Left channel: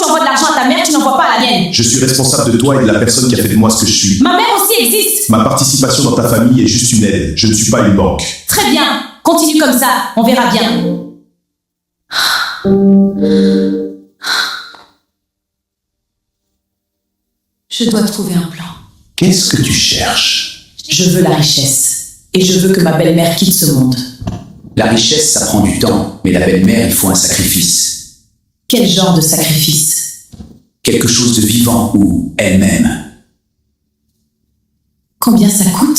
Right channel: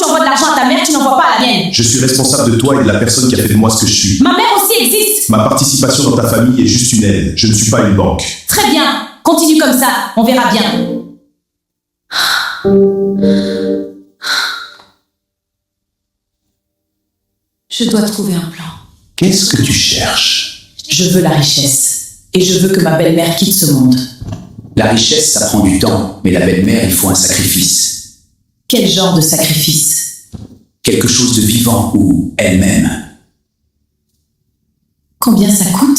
tu envoies de l'argent à ta mère, tu n'envoies pas à la mienne. Je suis responsable de toi et de la personne qui a fait de moi ce que je suis. Ma mère aussi existe. Ma participation dans ta famille est juste une aide. Je ne suis pas une banque. Très bien, continue comme ça, on verra bien. Je dois trouver un plan. Qu'est-ce que tu cherches? Je veux la richesse. Et je veux que ma belle-mère quitte ce monde. La richesse, ça prend du temps, mais la belle-mère, il faut un sacrifice. Quel genre de sacrifice? Quelque chose de vivant ou elle-même. Combien ça coûte?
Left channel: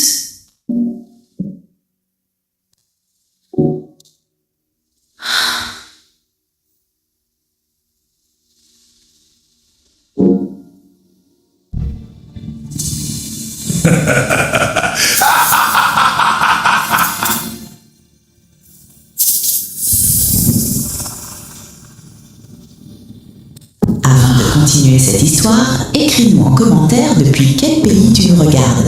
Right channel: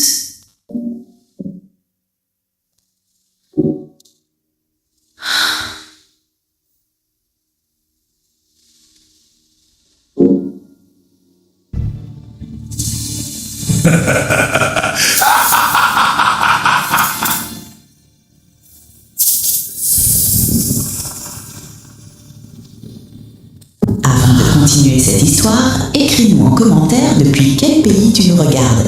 Avant de continuer cette histoire, écris-nous en commentaire depuis quel pays tu nous regardes.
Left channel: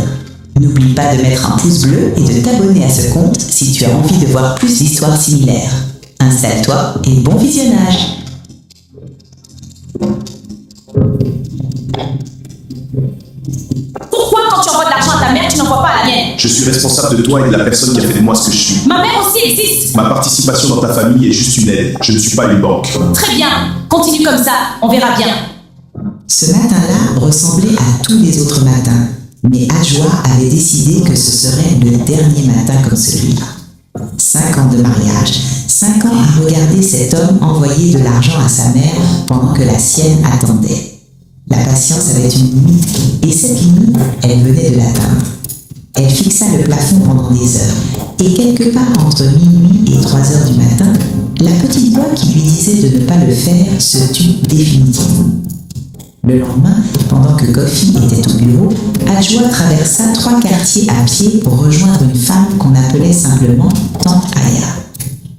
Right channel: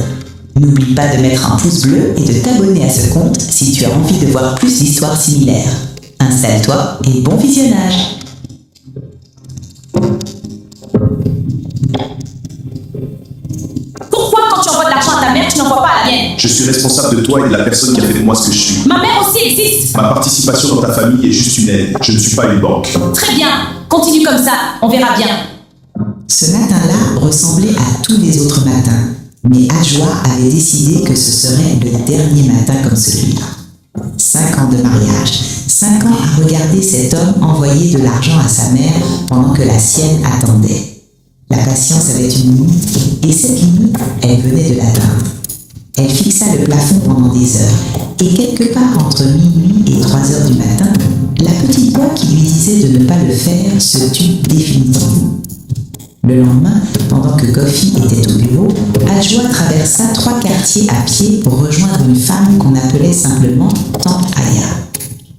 N'oublie pas de mettre un pouce bleu et de t'abonner à ce compte si tu as envie de voir plus d'histoires similaires. Installe-toi et bon visionnage! Pourquoi quand tu envoies de l'argent à ta mère, tu n'envoies pas à la mienne? Je suis responsable de toi et de la personne qui a fait de moi ce que je suis. Ma mère aussi existe. Ma participation dans ta famille est juste une aide. Je ne suis pas une banque. Très bien, continue comme ça, on verra bien. Ce matin-là ressemblait à tous les autres matins, mais Adjoa avait décidé que ce serait le dernier matin comme celui-là. 5 ans de mariage, 5 ans à regarder cet homme envoyer de l'argent à sa mère pendant que la sienne attendait. La patience avait une limite, et cette limite, elle venait de l'atteindre. Elle fixa le plafond pendant des heures, et quelque part entre minuit et 3 heures du matin, la petite voix qui lui disait de ne pas le faire se tut définitivement. Le lendemain, pendant que Kofi était au bureau, Adjoa traversa 3 quartiers à pied pour rejoindre une femme qu'on appelait simplement Tante Aya.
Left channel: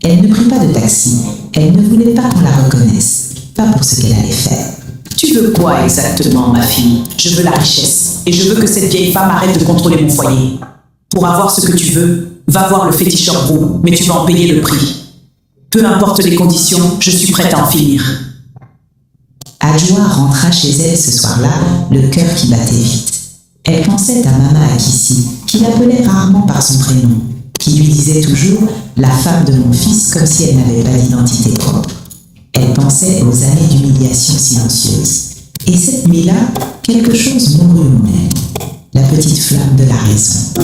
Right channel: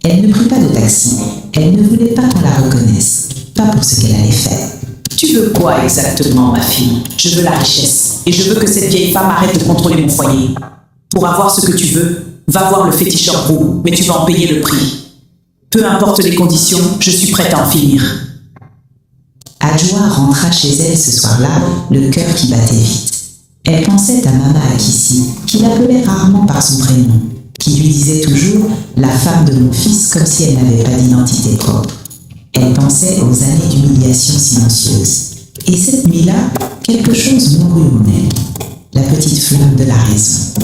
Elle ne prit pas de taxi, elle ne voulait pas qu'on la reconnaisse, pas pour ce qu'elle allait faire. Tu veux quoi exactement, ma fille? Je veux la richesse. Et je veux que cette vieille femme arrête de contrôler mon foyer. Pour avoir ce que tu veux, va voir le féticheur Brou, mais tu vas en payer le prix. Peu importe les conditions, je suis prête à en finir. Adjoa rentra chez elle ce soir-là, le cœur qui battait vite. Elle pensait à Mama Akissi, qui l'appelait rarement par son prénom, qui lui disait toujours « la femme de mon fils » comme si elle n'avait pas d'identité propre. Elle pensait aux années d'humiliation silencieuse. Et cette nuit-là, quelque chose mourut en elle, la petite flamme de la raison.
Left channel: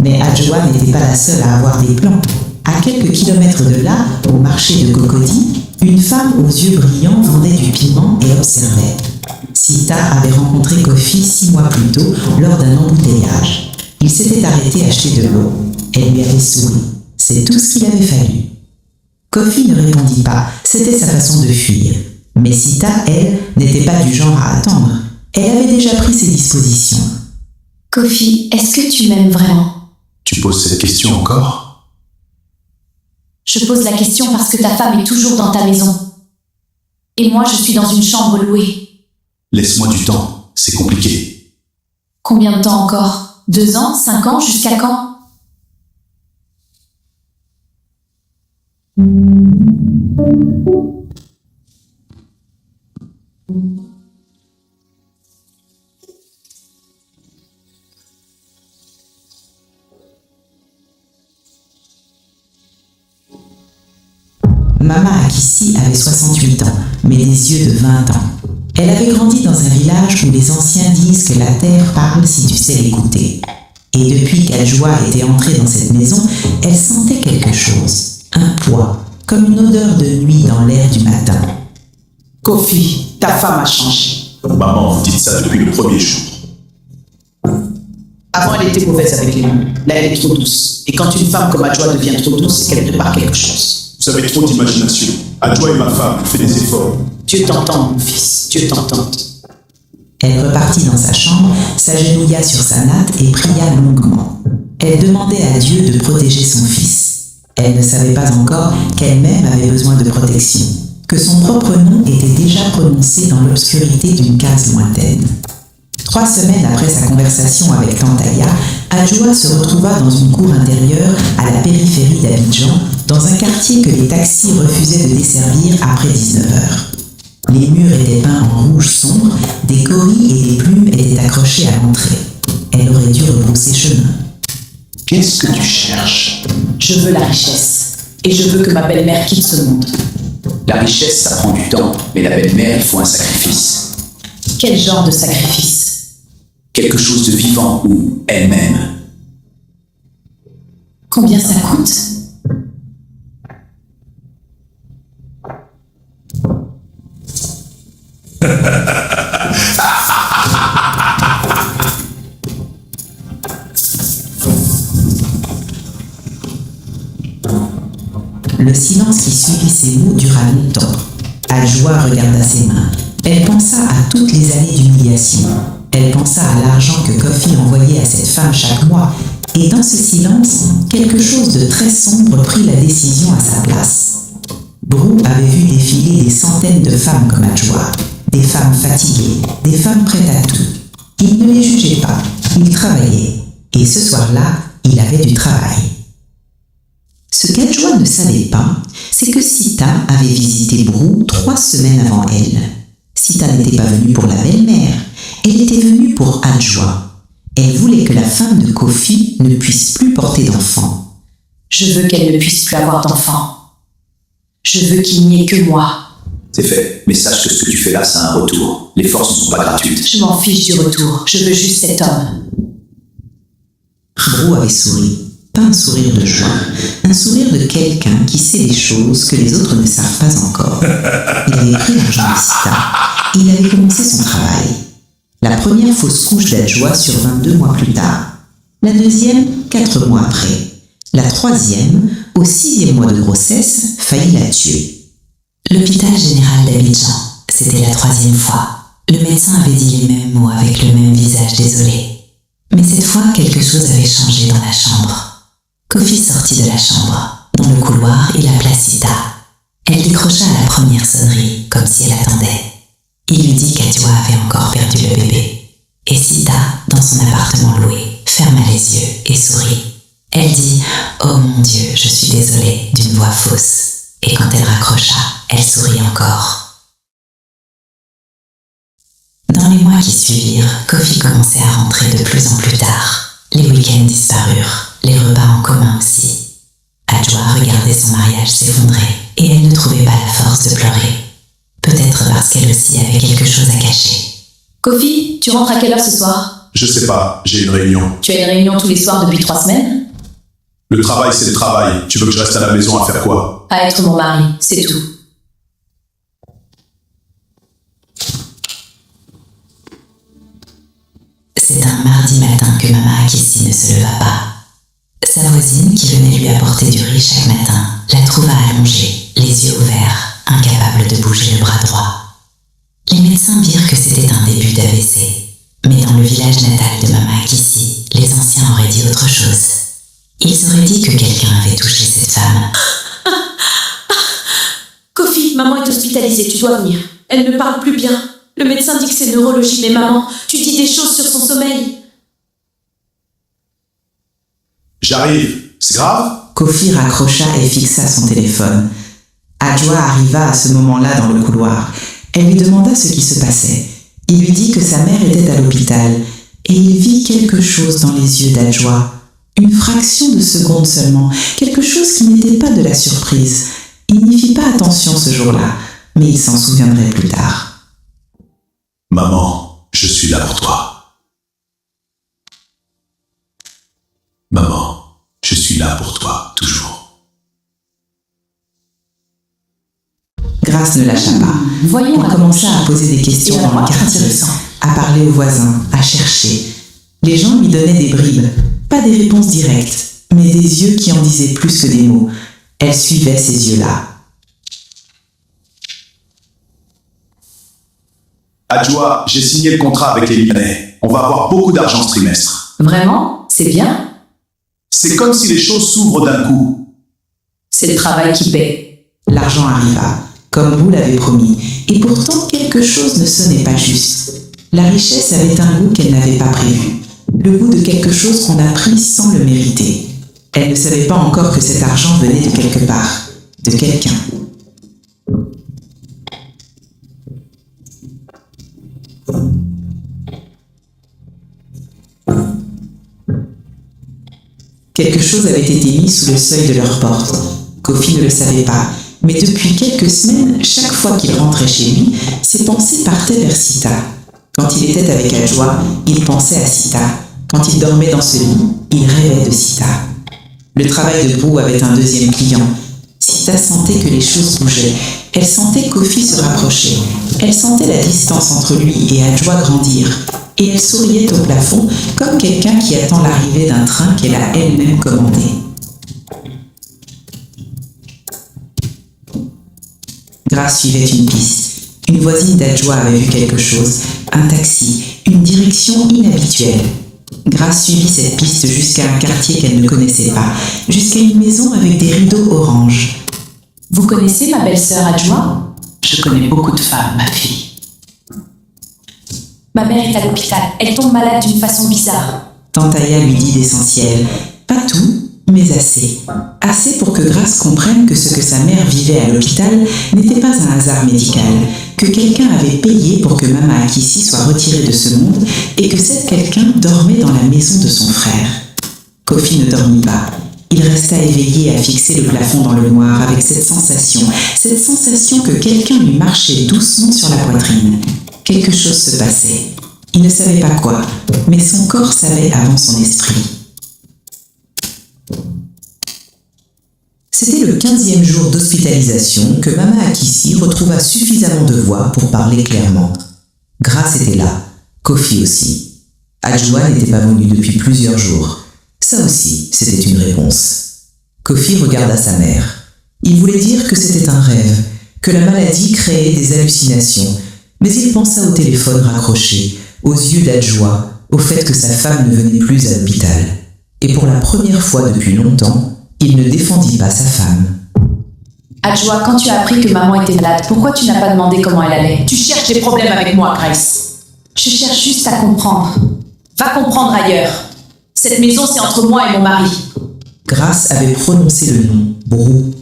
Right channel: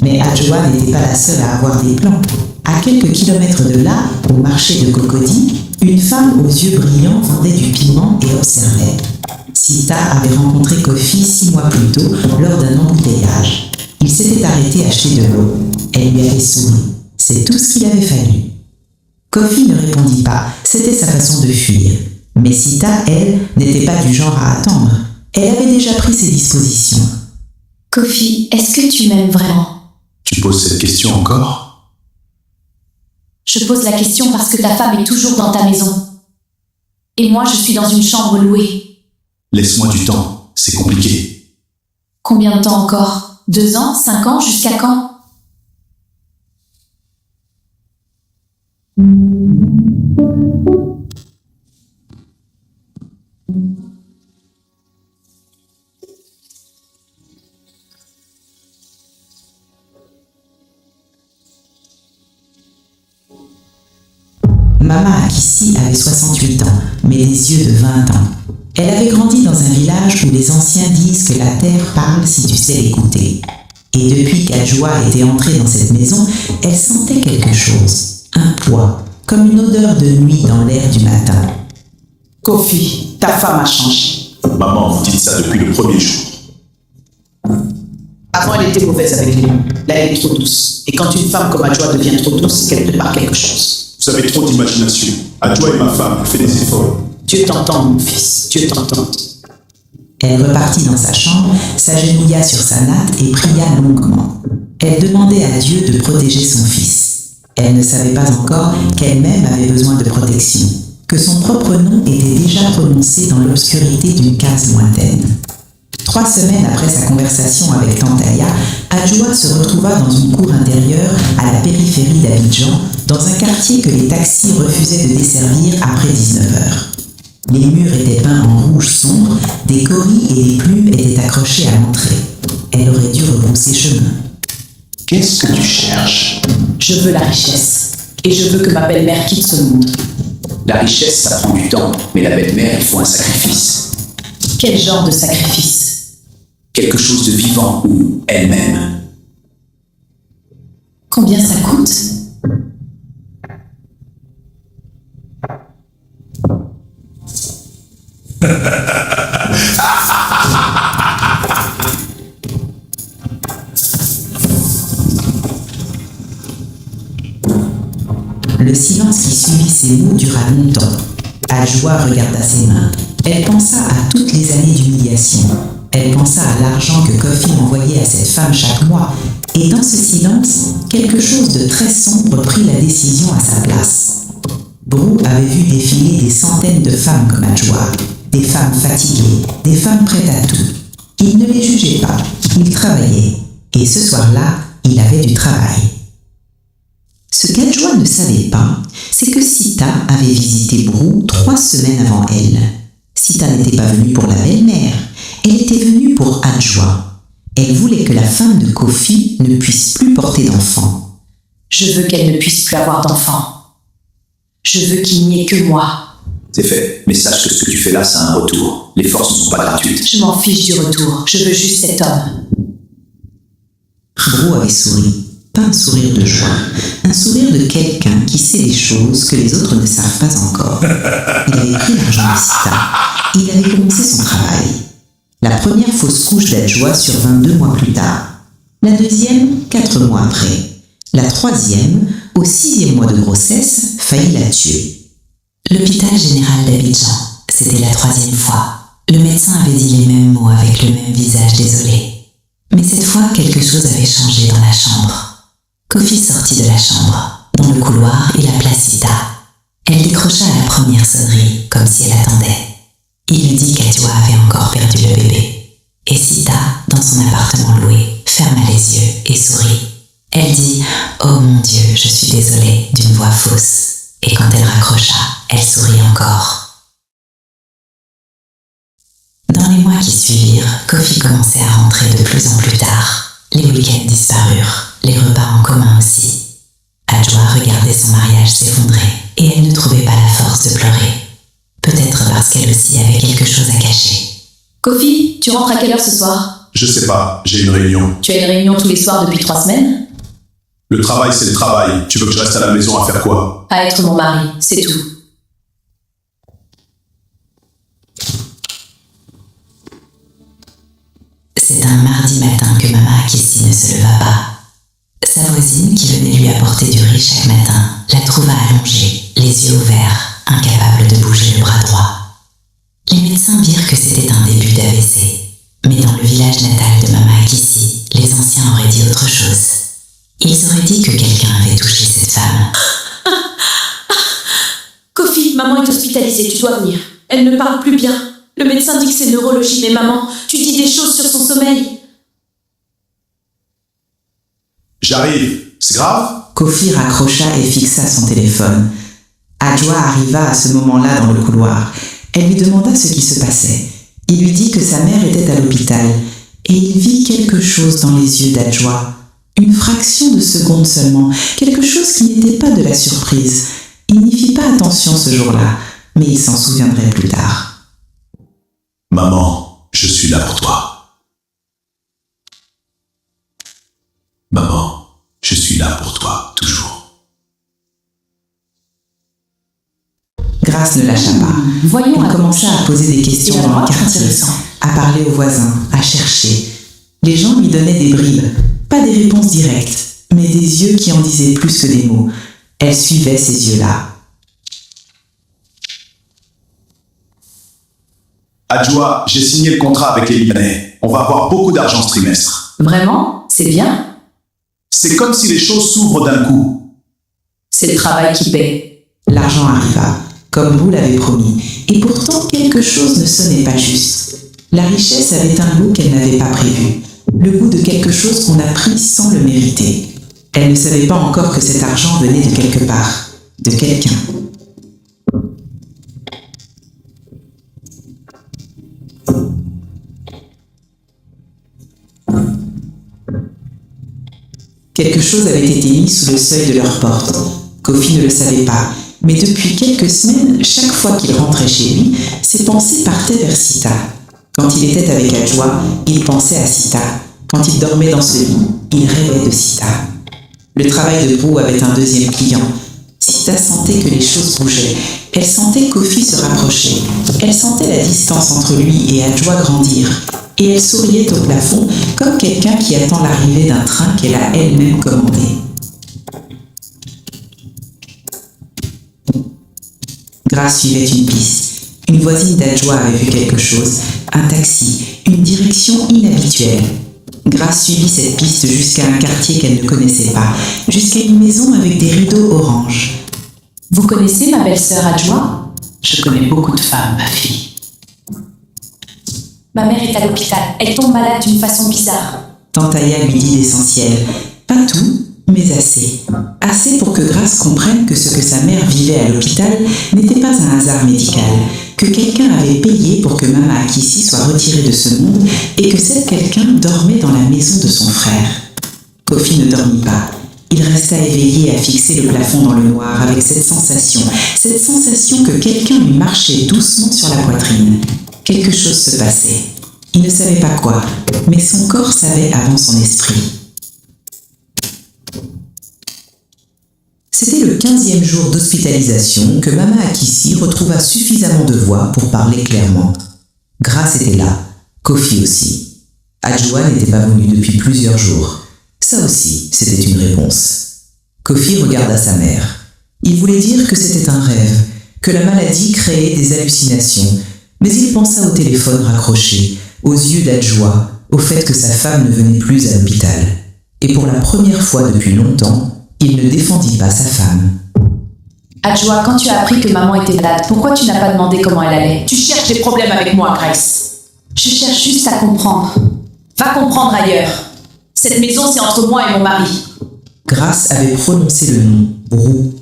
Mais Adjoa n'était pas la seule à avoir des plans. À quelques kilomètres de là, au marché de Cocody, une femme aux yeux brillants vendait du piment et observait. Sita avait rencontré Kofi 6 mois plus tôt lors d'un embouteillage. Il s'était arrêté acheter de l'eau. Elle lui avait souri. C'est tout ce qu'il avait fallu. Kofi ne répondit pas, c'était sa façon de fuir. Mais Sita, elle, n'était pas du genre à attendre. Elle avait déjà pris ses dispositions. Kofi, est-ce que tu m'aimes vraiment? Tu poses cette question encore? Je pose la question parce que ta femme est toujours dans ta maison. Et moi, je suis dans une chambre louée. Laisse-moi du temps, c'est compliqué. Combien de temps encore? 2 ans? 5 ans? Jusqu'à quand? Mama Akissi avait 68 ans, mais des yeux de 20 ans. Elle avait grandi dans un village où les anciens disent que la terre parle si tu sais l'écouter. Et depuis qu'Adjoa était entrée dans cette maison, elle sentait quelque chose, un poids, comme une odeur de nuit dans l'air du matin. Kofi, ta femme a changé. Maman, vous dites ça depuis le premier jour. Avant, elle était mauvaise avec les mots. Là, elle est trop douce. Et quand une femme comme Adjoa devient trop douce, c'est qu'elle prépare quelque chose. Vous avez trop d'imagination. Adjoa est ma femme, elle fait des efforts. Dieu t'entend, mon fils. Dieu t'entende. Elle repartit dans sa chambre, s'agenouilla sur sa natte et pria longuement. Elle demandait à Dieu de protéger son fils. Elle ne savait pas encore qu'elle-même avait besoin de protection, que son propre nom était déjà prononcé dans l'obscurité d'une case lointaine. 3 semaines après sa conversation avec Tante Aya, Adjoa se retrouva dans une cour intérieure à la périphérie d'Abidjan, dans un quartier que les taxis refusaient de desservir après 19 heures. Les murs étaient peints en rouge sombre, des coris et des plumes étaient accrochés à l'entrée. Elle aurait dû rebrousser chemin. Qu'est-ce que tu cherches? Je veux la richesse. Et je veux que ma belle-mère quitte ce monde. La richesse, ça prend du temps, mais la belle-mère, il faut un sacrifice. Quel genre de sacrifice? Quelque chose de vivant ou elle-même. Combien ça coûte? Le silence qui suivit ces mots dura longtemps. Adjoa regarda ses mains. Elle pensa à toutes les années d'humiliation. Elle pensa à l'argent que Kofi envoyait à cette femme chaque mois. Et dans ce silence, quelque chose de très sombre prit la décision à sa place. Brou avait vu défiler des centaines de femmes comme Adjoa. Des femmes fatiguées, des femmes prêtes à tout. Il ne les jugeait pas, il travaillait. Et ce soir-là, il avait du travail. Ce qu'Adjoa ne savait pas, c'est que Sita avait visité Brou 3 semaines avant elle. Sita n'était pas venue pour la belle-mère, elle était venue pour Adjoa. Elle voulait que la femme de Kofi ne puisse plus porter d'enfants. Je veux qu'elle ne puisse plus avoir d'enfants. Je veux qu'il n'y ait que moi. C'est fait, mais sache que ce que tu fais là, c'est un retour. Les forces ne sont pas gratuites. Je m'en fiche du retour. Je veux juste cet homme. Brou avait souri. Pas un sourire de joie, un sourire de quelqu'un qui sait des choses que les autres ne savent pas encore. Il avait pris l'argent de Sita et il avait commencé son travail. La première fausse couche d'Adjoa survint 2 mois plus tard. La deuxième, 4 mois après. La troisième, au 6e mois de grossesse, faillit la tuer. L'hôpital général d'Abidjan, c'était la 3e fois. Le médecin avait dit les mêmes mots avec le même visage désolé. Mais cette fois, quelque chose avait changé dans la chambre. Kofi sortit de la chambre. Dans le couloir, il appela Sita. Elle décrocha à la première sonnerie, comme si elle attendait. Il lui dit qu'Adjoa avait encore perdu le bébé. Et Sita, dans son appartement loué, ferma les yeux et sourit. Elle dit « Oh mon Dieu, je suis désolée » d'une voix fausse. Et quand elle raccrocha, elle sourit encore. Dans les mois qui suivirent, Kofi commençait à rentrer de plus en plus tard. Les week-ends disparurent, les repas en commun aussi. Adjoa regardait son mariage s'effondrer et elle ne trouvait pas la force de pleurer. Peut-être parce qu'elle aussi avait quelque chose à cacher. Kofi, tu rentres à quelle heure ce soir? Je sais pas, j'ai une réunion. Tu as une réunion tous les soirs depuis 3 semaines? Le travail, c'est le travail. Tu veux que je reste à la maison à faire quoi? À être mon mari, c'est tout. C'est un mardi matin que Mama Akissi ne se leva pas. Sa voisine, qui venait lui apporter du riz chaque matin, la trouva allongée, les yeux ouverts, incapable de bouger le bras droit. Les médecins dirent que c'était un début d'AVC, mais dans le village natal de Mama Akissi, les anciens auraient dit autre chose. Ils auraient dit que quelqu'un avait touché cette femme. Kofi, maman est hospitalisée, tu dois venir. Elle ne parle plus bien. Le médecin dit que c'est neurologie, mais maman, tu dis des choses sur son sommeil. J'arrive. C'est grave? Kofi raccrocha et fixa son téléphone. Adjoa arriva à ce moment-là dans le couloir. Elle lui demanda ce qui se passait. Il lui dit que sa mère était à l'hôpital et il vit quelque chose dans les yeux d'Adjoa. Une fraction de seconde seulement, quelque chose qui n'était pas de la surprise. Il n'y fit pas attention ce jour-là, mais il s'en souviendrait plus tard. Maman, je suis là pour toi. Maman, je suis là pour toi, toujours. Grace ne lâcha pas. Voyons. Elle commença à poser des questions dans le quartier, intéressant. à parler aux voisins, à chercher. Les gens lui donnaient des bribes, pas des réponses directes, mais des yeux qui en disaient plus que des mots. Elle suivait ces yeux-là. Adjoa, j'ai signé le contrat avec les Libanais. On va avoir beaucoup d'argent ce trimestre. Vraiment? C'est bien? C'est comme si les choses s'ouvrent d'un coup. C'est le travail qui paie. L'argent arriva, comme Brou l'avait promis, et pourtant quelque chose ne sonnait pas juste. La richesse avait un goût qu'elle n'avait pas prévu, le goût de quelque chose qu'on a pris sans le mériter. Elle ne savait pas encore que cet argent venait de quelque part, de quelqu'un. Quelque chose avait été mis sous le seuil de leur porte. Kofi ne le savait pas, mais depuis quelques semaines, chaque fois qu'il rentrait chez lui, ses pensées partaient vers Sita. Quand il était avec Adjoa, il pensait à Sita. Quand il dormait dans ce lit, il rêvait de Sita. Le travail de Brou avait un deuxième client. Sita sentait que les choses bougeaient. Elle sentait Kofi se rapprocher. Elle sentait la distance entre lui et Adjoa grandir. Et elle souriait au plafond comme quelqu'un qui attend l'arrivée d'un train qu'elle a elle-même commandé. Grace suivait une piste. Une voisine d'Adjoa avait vu quelque chose, un taxi, une direction inhabituelle. Grace suivit cette piste jusqu'à un quartier qu'elle ne connaissait pas, jusqu'à une maison avec des rideaux orange. Vous connaissez ma belle-sœur Adjoa? Je connais beaucoup de femmes, ma fille. Ma mère est à l'hôpital. Elle tombe malade d'une façon bizarre. Tante Aya lui dit l'essentiel. Pas tout, mais assez. Assez pour que Grace comprenne que ce que sa mère vivait à l'hôpital n'était pas un hasard médical, que quelqu'un avait payé pour que Mama Akissi soit retirée de ce monde et que cet quelqu'un dormait dans la maison de son frère. Kofi ne dormit pas. Il resta éveillé à fixer le plafond dans le noir avec cette sensation que quelqu'un lui marchait doucement sur la poitrine. Quelque chose se passait. Il ne savait pas quoi, mais son corps savait avant son esprit. C'était le 15e jour d'hospitalisation que Mama Akissi retrouva suffisamment de voix pour parler clairement. Grace était là, Kofi aussi. Adjoa n'était pas venu depuis plusieurs jours. Ça aussi, c'était une réponse. Kofi regarda sa mère. Il voulait dire que c'était un rêve, que la maladie créait des hallucinations, mais il pensa au téléphone raccroché, aux yeux d'Adjoa, au fait que sa femme ne venait plus à l'hôpital. Et pour la première fois depuis longtemps, il ne défendit pas sa femme. Adjoa, quand tu as appris que maman était malade, pourquoi tu n'as pas demandé comment elle allait? Tu cherches des problèmes avec moi, Grace. Je cherche juste à comprendre. Va comprendre ailleurs. Cette maison, c'est entre moi et mon mari. Grace avait prononcé le nom, Brou.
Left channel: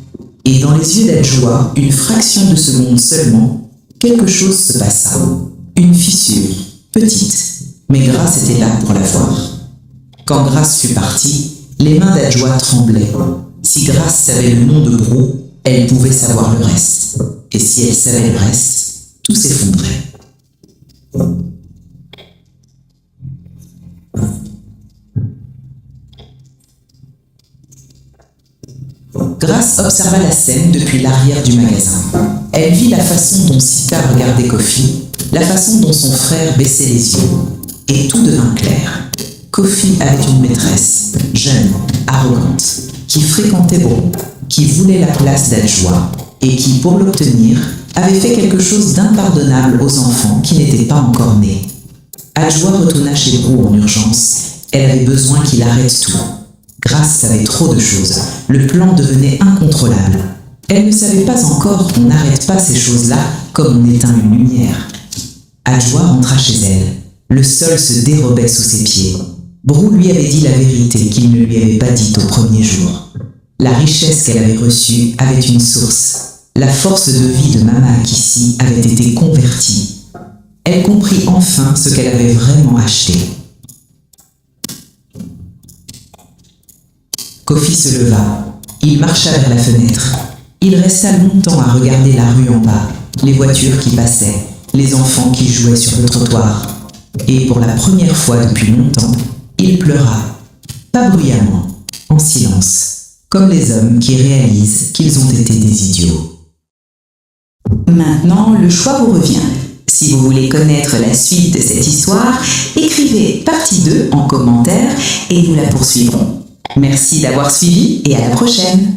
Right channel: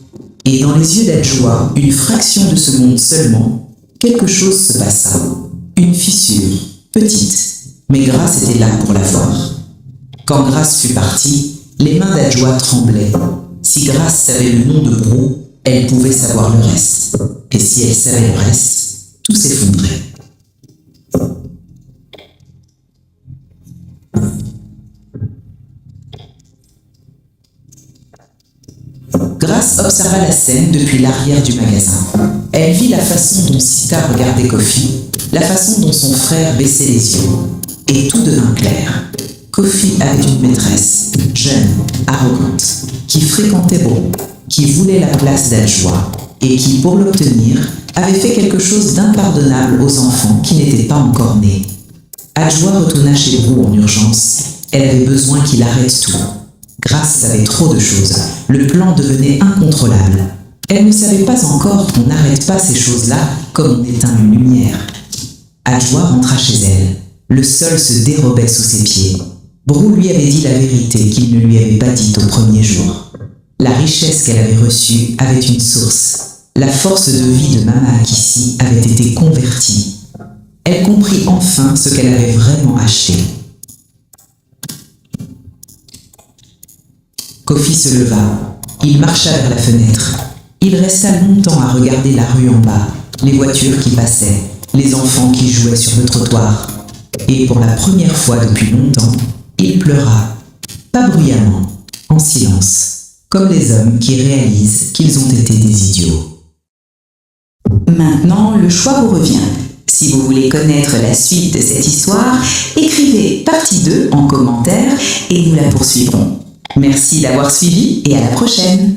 Et dans les yeux d'Adjoa, une fraction de seconde seulement, quelque chose se passa. Une fissure, petite, mais Grace était là pour la voir. Quand Grace fut partie, les mains d'Adjoa tremblaient. Si Grace savait le nom de Brou, elle pouvait savoir le reste. Et si elle savait le reste, tout s'effondrait. Grace observa la scène depuis l'arrière du magasin. Elle vit la façon dont Sita regardait Kofi, la façon dont son frère baissait les yeux. Et tout devint clair. Kofi avait une maîtresse, jeune, arrogante, qui fréquentait Brou, qui voulait la place d'Adjoa et qui, pour l'obtenir, avait fait quelque chose d'impardonnable aux enfants qui n'étaient pas encore nés. Adjoa retourna chez Brou en urgence. Elle avait besoin qu'il arrête tout. Grace savait trop de choses. Le plan devenait incontrôlable. Elle ne savait pas encore qu'on n'arrête pas ces choses-là comme on éteint une lumière. Adjoa rentra chez elle. Le sol se dérobait sous ses pieds. Brou lui avait dit la vérité qu'il ne lui avait pas dite au premier jour. La richesse qu'elle avait reçue avait une source. La force de vie de Mama Akissi avait été convertie. Elle comprit enfin ce qu'elle avait vraiment acheté. Kofi se leva. Il marcha vers la fenêtre. Il resta longtemps à regarder la rue en bas, les voitures qui passaient, les enfants qui jouaient sur le trottoir. Et pour la première fois depuis longtemps, il pleura. Pas bruyamment, en silence, comme les hommes qui réalisent qu'ils ont été des idiots. Maintenant, le choix vous revient. Si vous voulez connaître la suite de cette histoire, écrivez partie 2 en commentaire et nous la poursuivrons. Merci d'avoir suivi et à la prochaine.